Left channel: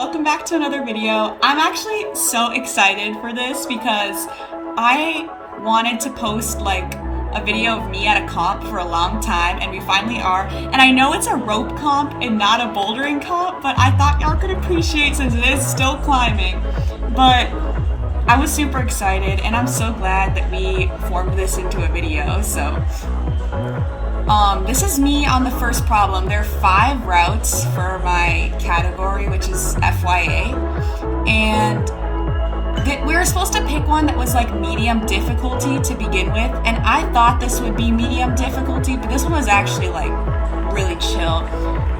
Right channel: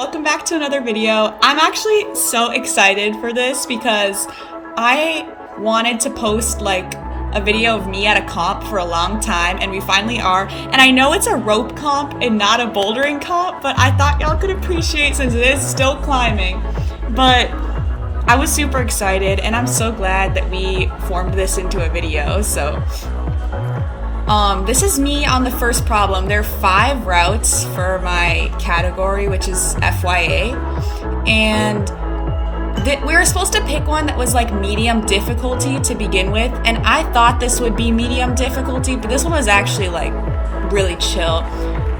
Welcome back to another video. I'm actually so excited for this because I wanted to post like a video of me at a comp for a long time, and we finally are. And I know it's a rope comp and not a bouldering comp, but I thought y'all could appreciate since it is still climbing. But I was super excited, and I'm so glad that we formed this into a video. So this is me on the first problem. There are 5 routes for my category, which is FYA, and we were supposed to pick one that was like medium difficulty to begin with, and I thought this would be medium difficulty, but this one was actually like really chill.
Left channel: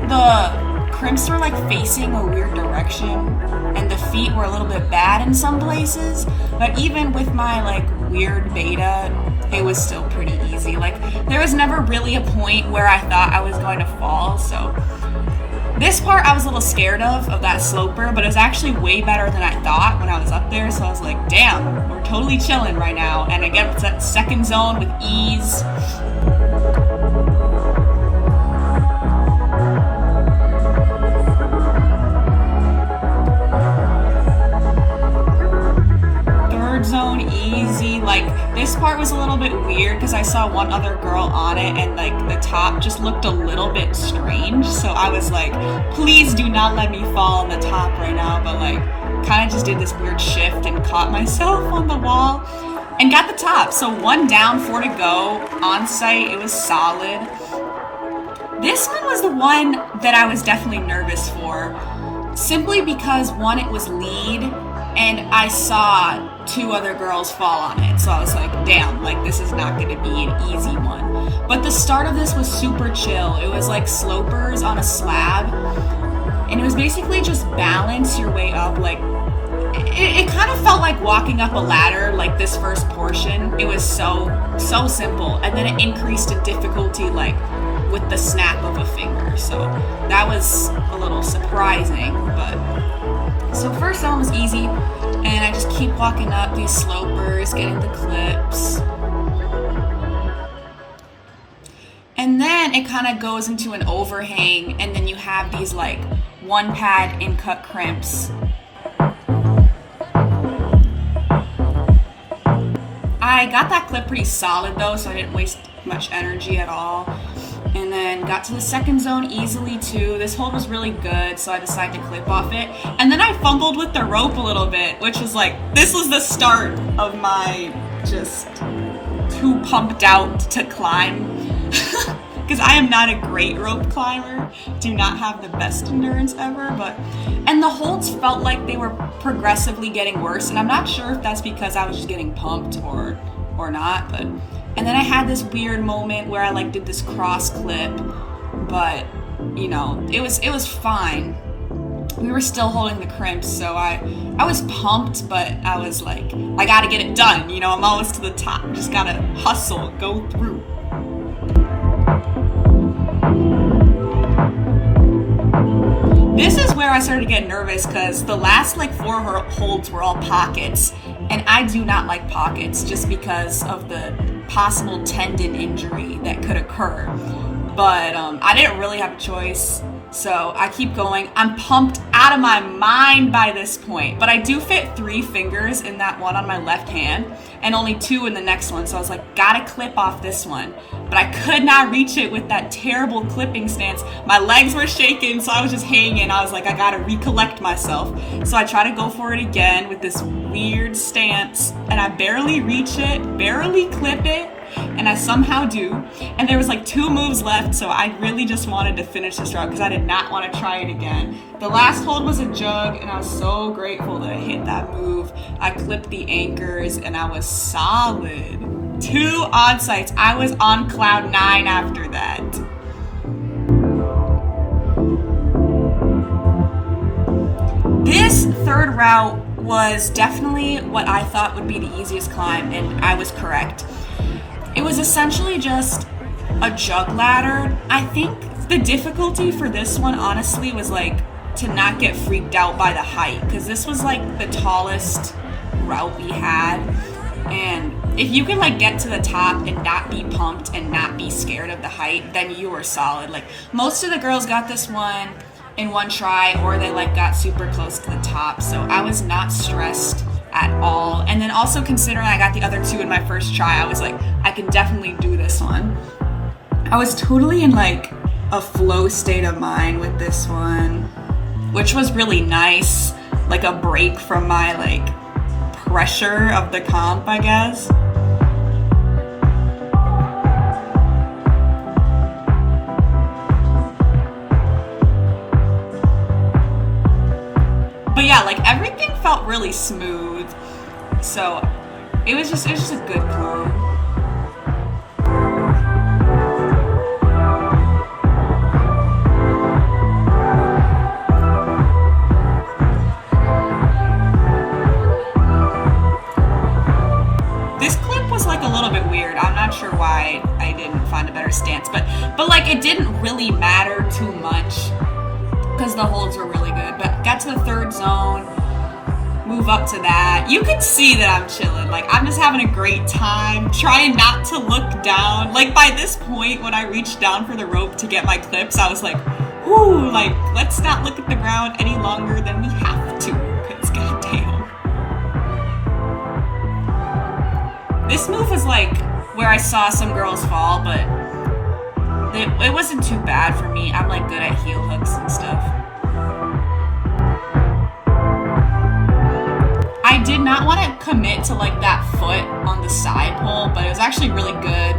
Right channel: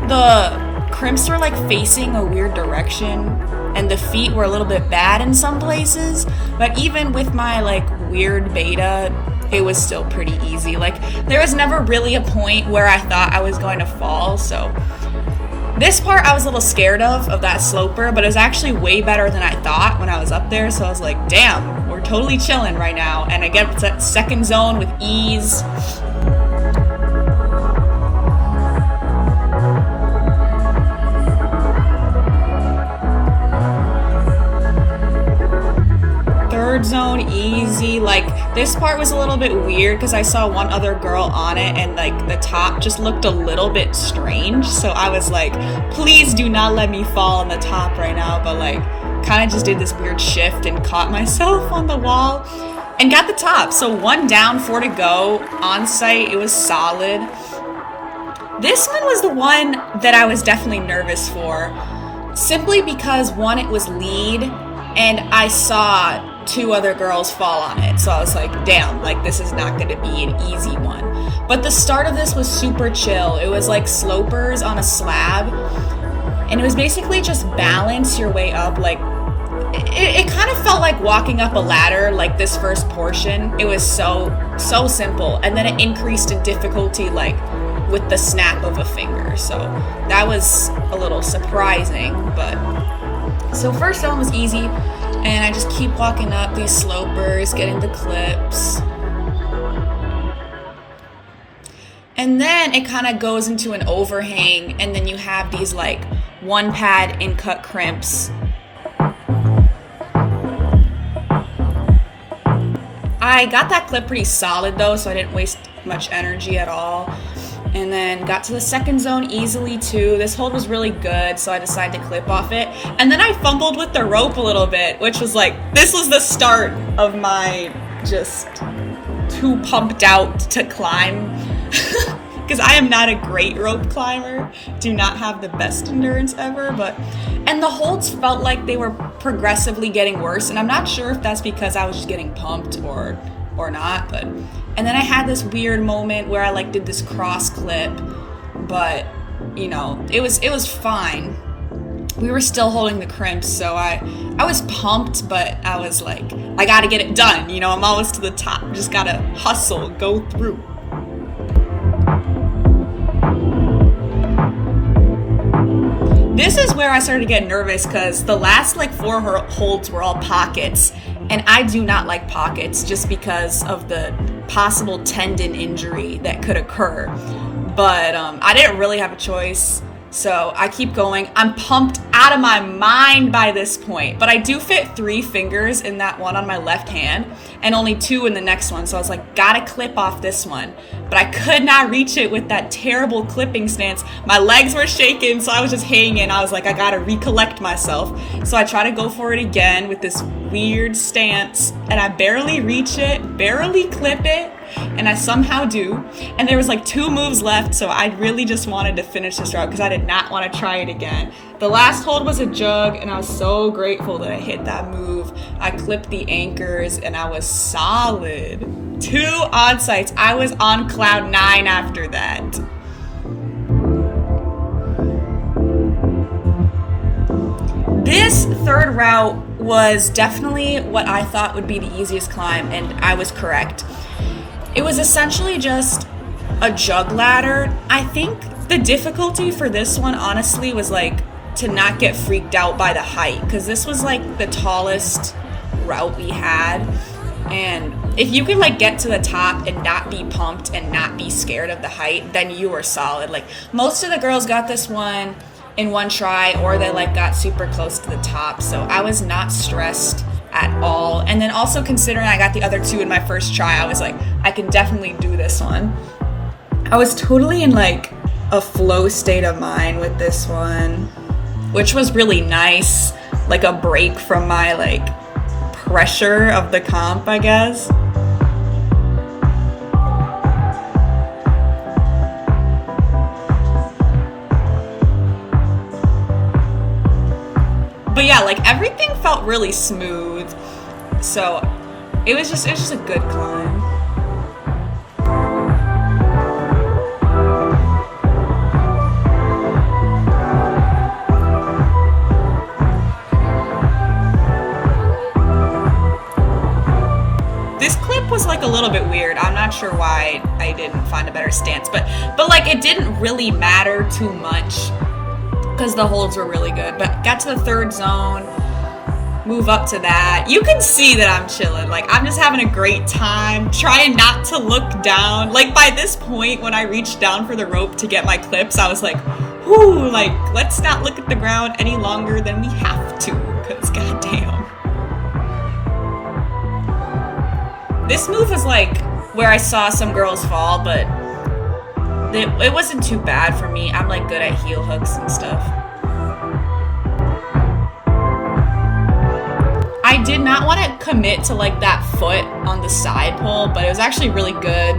The crimps were like facing a weird direction, and the feet were a little bit bad in some places, but even with my like weird beta, it was still pretty easy. Like, there was never really a point where I thought I was going to fall, so this part I was a little scared of that sloper, but it was actually way better than I thought when I was up there, so I was like, damn, we're totally chilling right now. And I get to that second zone with ease. Zone easy. Like, this part was a little bit weird because I saw one other girl on it, and like the top just looked a little bit strange, so I was like, please do not let me fall on the top right now. But like, kind of just did this weird shift and caught myself on the wall and got the top. So 1 down, 4 to go on site. It was solid. This one was the one that I was definitely nervous for, simply because one, it was lead, and I saw 2 other girls fall on it, so I was like, damn, like this is not gonna be an easy one. But the start of this was super chill. It was like slopers on a slab, and it was basically just balance your way up. Like, it kind of felt like walking up a ladder, like this first portion. It was so simple, and then it increased in difficulty like with the snap of a finger, so that was a little surprising. But so first zone was easy, and I just keep walking up these slopers, getting the clips. And then it kind of goes into an overhang, and then you have these like 1 pad in cut crimps. I got that clip pretty solid though, so I didn't waste much energy at all. And then got to the second zone easily too. This hold was really good, so I decided to clip off it. And then I fumbled with the rope a little bit, which was like, this was the start of my just too pumped out to climb. Because I am not a great rope climber, do not have the best endurance ever, and the holds felt like they were progressively getting worse, and I'm not sure if that's because I was just getting pumped or not, but. And then I had this weird moment where I like did this cross clip, but you know, it was fine. We were still holding the crimps, so I was pumped, but I was like, I gotta get it done, you know, I'm almost to the top, just gotta hustle, go through. This is where I started to get nervous because the last like 4 holds were all pockets, and I do not like pockets just because of the possible tendon injury that could occur. But I didn't really have a choice, so I keep going. I'm pumped out of my mind by this point, but I do fit 3 fingers in that one on my left hand and only 2 in the next one, so I was like, gotta clip off this one. But I could not reach it with that terrible clipping stance. My legs were shaking, so I was just hanging. I was like, I gotta recollect myself. So I try to go for it again with this weird stance, and I barely reach it, barely clip it, and I somehow do. And there was like 2 moves left, so I really just wanted to finish this route because I did not want to try it again. The last hold was a jug, and I was so grateful that I hit that move. I clipped the anchors, and I was solid. 2 on-sites. I was on cloud 9 after that. This third route was definitely what I thought would be the easiest climb, and I was correct. It was essentially just a jug ladder. I think the difficulty for this one, honestly, was like to not get freaked out by the height, because this was like the tallest route we had. And if you could like get to the top and not be pumped and not be scared of the height, then you were solid. Like, most of the girls got this one in one try, or they like got super close to the top. So I was not stressed at all. And then also considering I got the other two in my first try, I was like, I can definitely do this one. I was totally in like a flow state of mind with this one, which was really nice, like a break from my like pressure of the comp, I guess. But yeah, like everything felt really smooth, so it was just a good climb. This clip was like a little bit weird. I'm not sure why I didn't find a better stance, but like it didn't really matter too much, because the holds were really good. But got to the third zone, move up to that. You can see that I'm chilling. Like, I'm just having a great time, trying not to look down. Like, by this point, when I reached down for the rope to get my clips, I was like, whoo, like, let's not look at the ground any longer than we have to, because goddamn. This move was like where I saw some girls fall, but it wasn't too bad for me. I'm like good at heel hooks and stuff. I did not want to commit to like that foot on the side pull, but it was actually really good.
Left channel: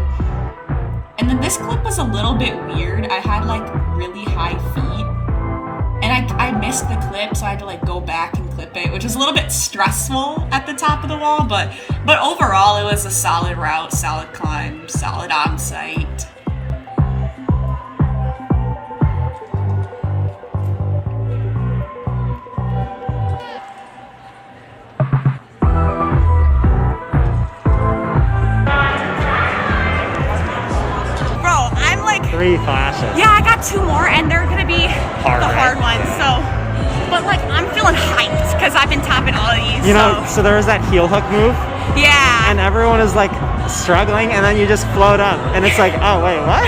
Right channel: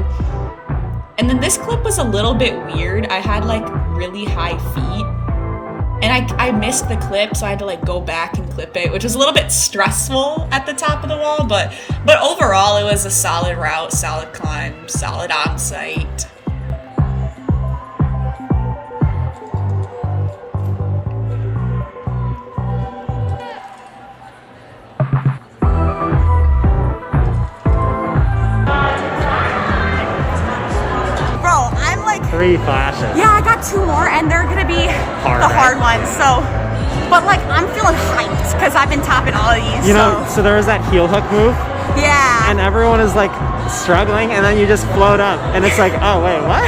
And then this clip was a little bit weird. I had like really high feet, and I missed the clip, so I had to like go back and clip it, which was a little bit stressful at the top of the wall, but overall it was a solid route, solid climb, solid on-site. Three flashes. Yeah, I got two more, and they're gonna be hard ones. Yeah. So, but like I'm feeling hyped because I've been topping all of these. You know, so there was that heel hook move. Yeah. And everyone is like struggling, and then you just float up, and it's like, oh wait, what?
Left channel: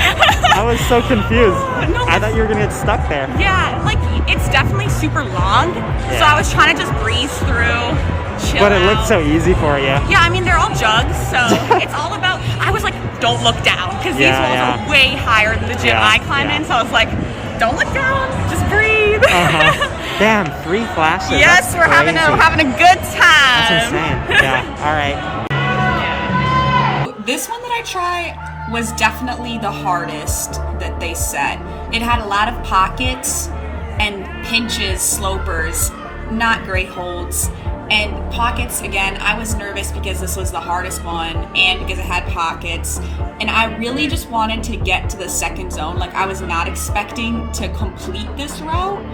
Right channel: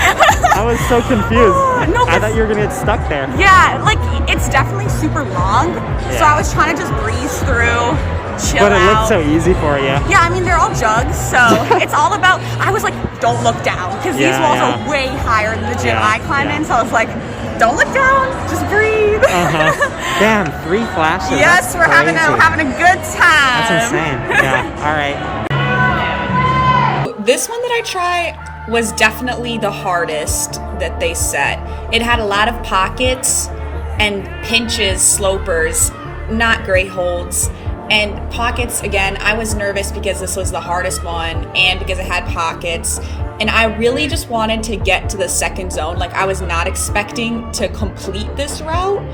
I was so confused. No, I thought you were gonna get stuck there. Yeah, like it's definitely super long, so I was trying to just breeze through. But it looked so easy for you. Yeah, I mean, they're all jugs, so it's all about, I was like, don't look down, because these walls are way higher than the gym I climb in, so I was like, don't look down, just breathe. Damn, 3 flashes. Yes, that's we're crazy. having a good time. That's insane. Yeah, all right. This one that I tried was definitely the hardest that they set. It had a lot of pockets and pinches, slopers, not great holds. And pockets, again, I was nervous because this was the hardest one and because it had pockets. And I really just wanted to get to the second zone. Like, I was not expecting to complete this route.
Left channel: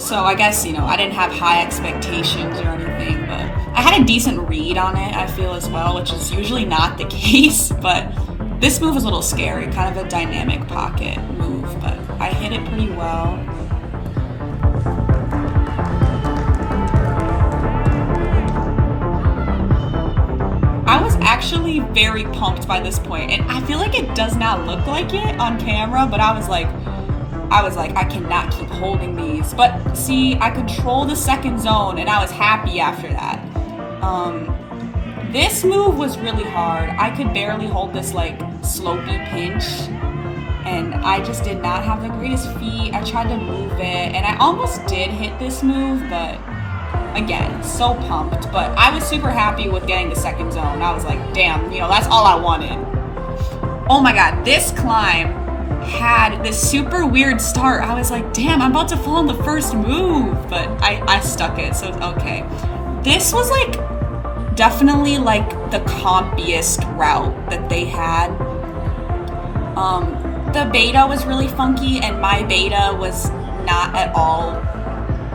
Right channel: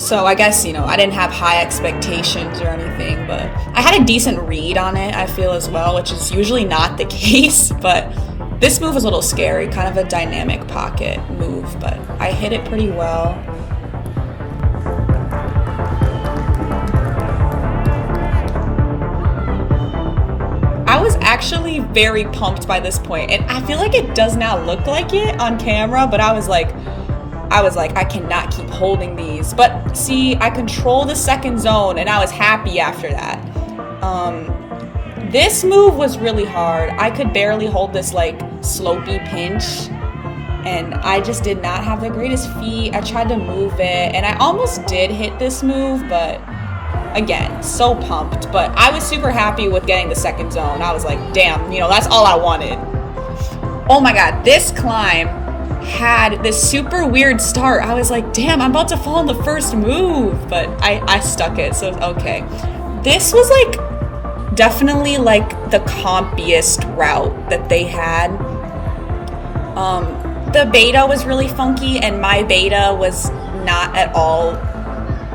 So I guess, you know, I didn't have high expectations or anything, but I had a decent read on it, I feel, as well, which is usually not the case. But this move was a little scary, kind of a dynamic pocket move, but I hit it pretty well. Actually very pumped by this point, and I feel like it does not look like it on camera, but I was like I cannot keep holding these. But see, I control the second zone, and I was happy after that. This move was really hard. I could barely hold this like slopey pinch, and I just did not have the greatest feet. I tried to move it, and I almost did hit this move, but again, so pumped. But I was super happy with getting the second zone. I was like, damn, you know, that's all I wanted. Oh my god, this climb had this super weird start. I was like, damn, I'm about to fall in the first move, but I stuck it, so it's okay. This was like definitely like the compiest route that they had. The beta was really funky, and my beta was not at all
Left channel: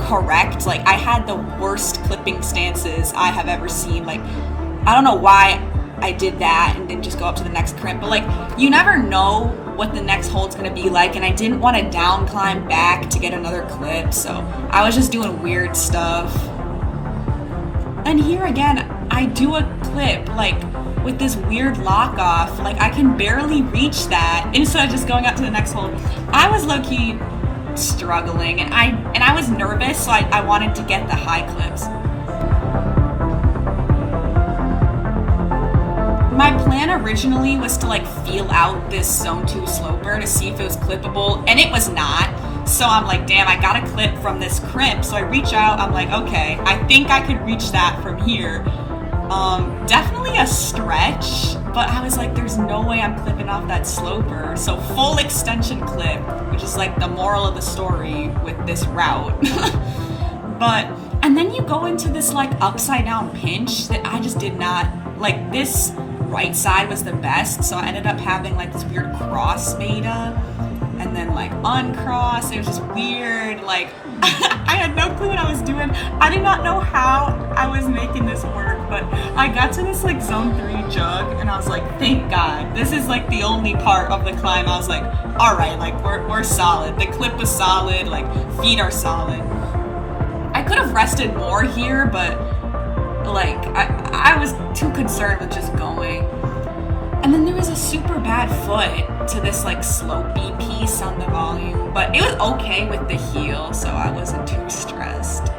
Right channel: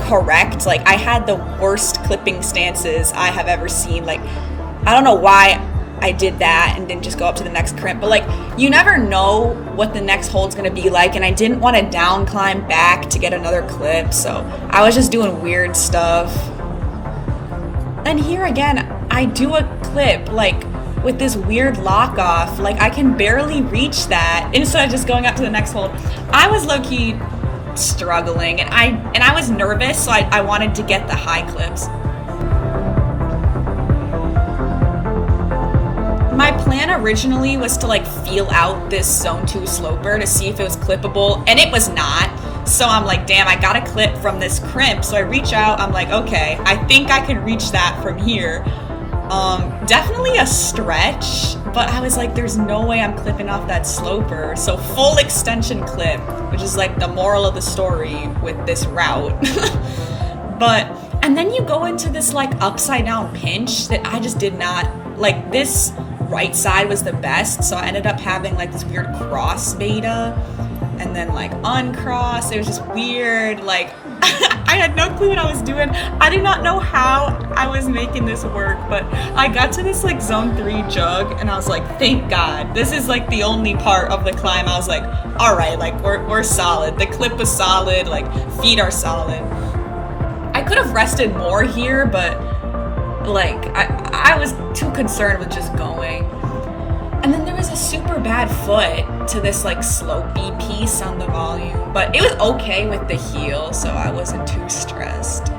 correct. Like, I had the worst clipping stances I have ever seen. Like, I don't know why I did that and didn't just go up to the next crimp, but like, you never know what the next hold's gonna be like, and I didn't want to down climb back to get another clip, so I was just doing weird stuff. And here again, I do a clip like with this weird lock off. Like, I can barely reach that instead of just going up to the next hold. I was low-key struggling, and I was nervous, so I wanted to get the high clips. My plan originally was to like feel out this zone 2 sloper to see if it was clippable, and it was not. So I'm like, damn, I got a clip from this crimp. So I reach out, I'm like, okay, I think I could reach that from here. Definitely a stretch, but I was like, there's no way I'm clipping off that sloper. So full extension clip, which is like the moral of the story with this route. And then you go into this like upside down pinch that I just did not, like this right side was the best. So I ended up having like this weird cross beta and then like uncross. It was just weird. Like I had no clue what I was doing. I did not know how I was making this work, but I got to this like zone 3 jug and I was like, thank God. This is like the only part of the climb. I was like, all right, like we're solid. The clip was solid, like feet are solid. I could have rested more here, but like I was too concerned with just going. And then there was a super bad foot to this like slopey piece on the volume, but it was okay with the heel, so I wasn't too stressed.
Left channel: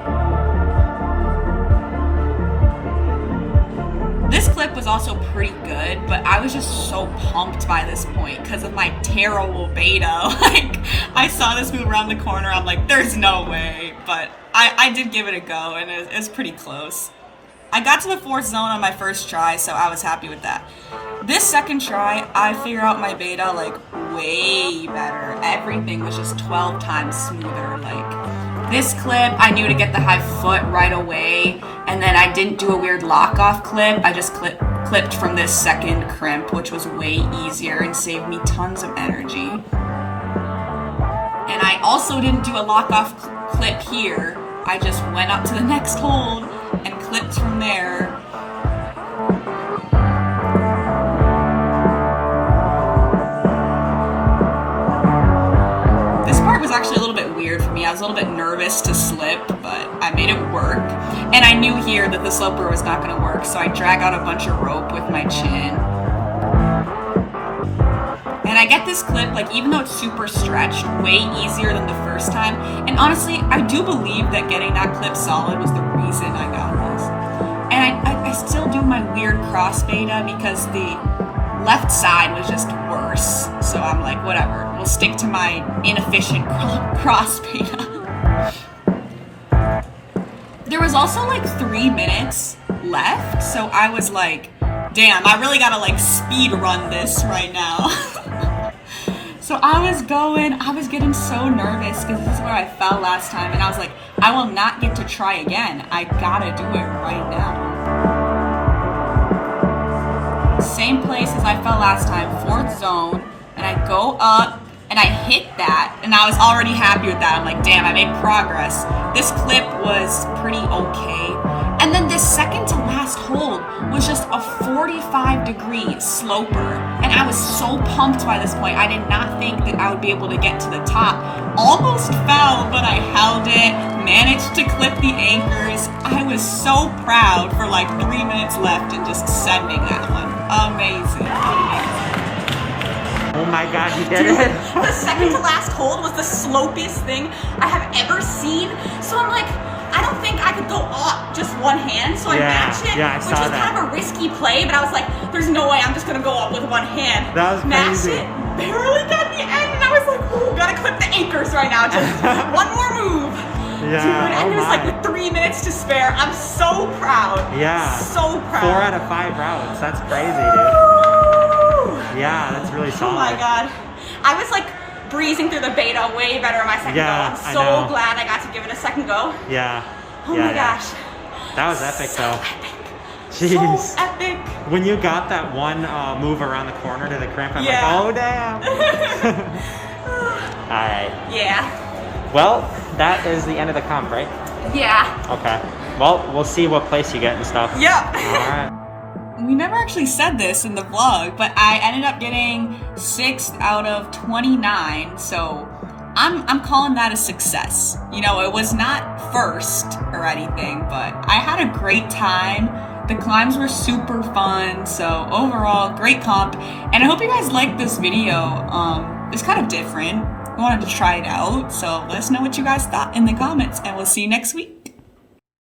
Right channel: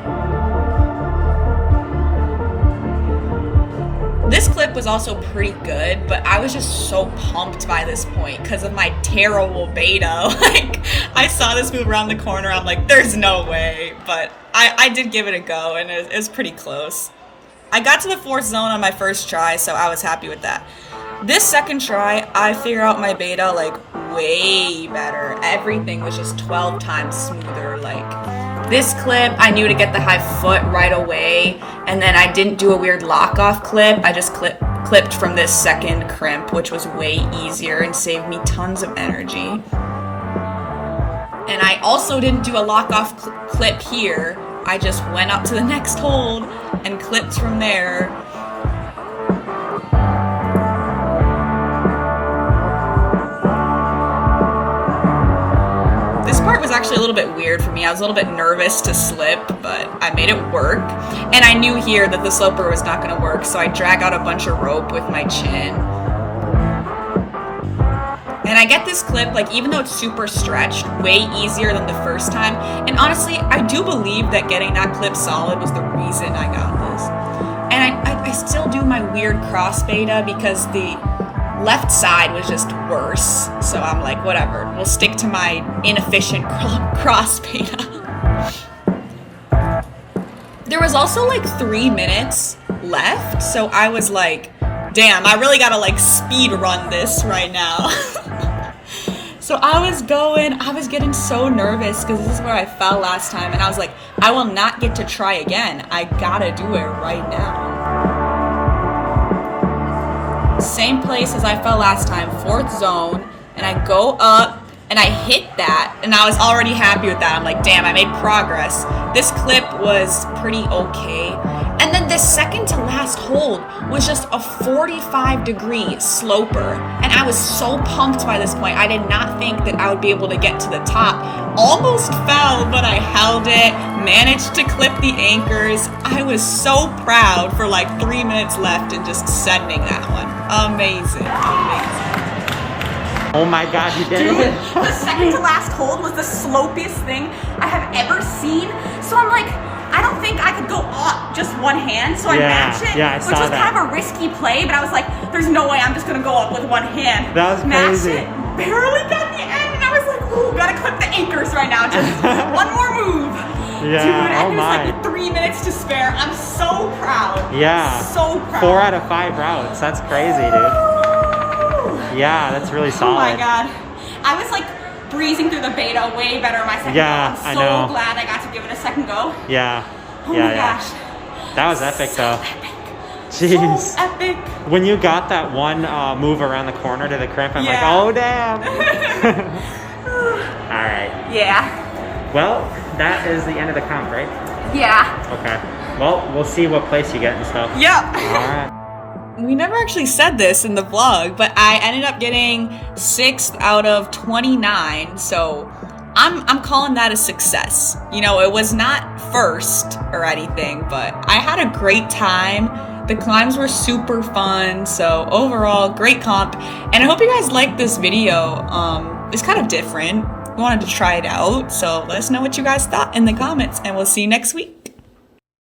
This clip was also pretty good, but I was just so pumped by this point because of my terrible beta. Like, I saw this move around the corner, I'm like, there's no way, but I did give it a go, and it was pretty close. I got to the 4th zone on my first try, so I was happy with that. This second try, I figured out my beta like way better. Everything was just 12 times smoother. Like this clip, I knew to get the high foot right away, and then I didn't do a weird lock-off clip. I just clipped from this second crimp, which was way easier and saved me tons of energy. And I also didn't do a lock-off clip here. I just went up to the next hold and clipped from there. This part was actually a little bit weird for me. I was a little bit nervous to slip, but I made it work. And I knew here that the sloper was not going to work, so I drag out a bunch of rope with my chin. And I get this clip, like, even though it's super stretched, way easier than the first time. And honestly, I do believe that getting that clip solid was the reason I got this. And I still do my weird cross beta because the left side was just worse. So I'm like, whatever, we'll stick to my inefficient cross beta. There was also like 3 minutes left, so I was like, damn, I really gotta like speed run this right now. So I was getting so nervous because this is where I fell last time, and I was like, I will not get to try again. I gotta do it right now. Same place as I fell last time, 4th zone, and I go up and I hit that, and I was already happy with that. I'm like, damn, I made progress. This clip was pretty okay. And then this second to last hold was just a 45-degree sloper. And I was so pumped by this point. I did not think that I would be able to get to the top. Almost fell, but I held it, managed to clip the anchors. I was so proud for like 3 minutes left and just sending that one. Amazing. Oh my God, you did it! The second to last hold was the slopiest thing I have ever seen. So I'm like, I don't think I could go up just one hand, so I matched it, which was kind of a risky play, but I was like, there's no way I'm just gonna go up with one hand. That was crazy. Matched it, barely got the end, and I was like, ooh, gotta clip the anchors right now, just one more move. Yeah, dude, and oh there's my. like 3 minutes to spare. I'm so proud. Yeah. So proud. 4 out of 5 routes, that's crazy, dude. Yeah, that's really solid. Oh my God. I was like breezing through the beta way better on my second go. I'm so glad I got to give it a second go. Yeah. Oh my gosh. That was epic though. Epic. Jeez. So epic. When you got that one move around the corner to the crimp, I'm like, oh damn. All right. Yeah. Well, that is the end of the comp, right? Yeah. Okay. Well, we'll see what place you get and stuff. Yep. All right. We never actually said this in the vlog, but I ended up getting 6th out of 29, so I'm calling that a success. You know, it was not first or anything, but I had a great time. The climbs were super fun, so overall, great comp. And I hope you guys liked this video. It's kind of different. We wanted to try it out. So let us know what you guys thought in the comments, and we'll see you next week.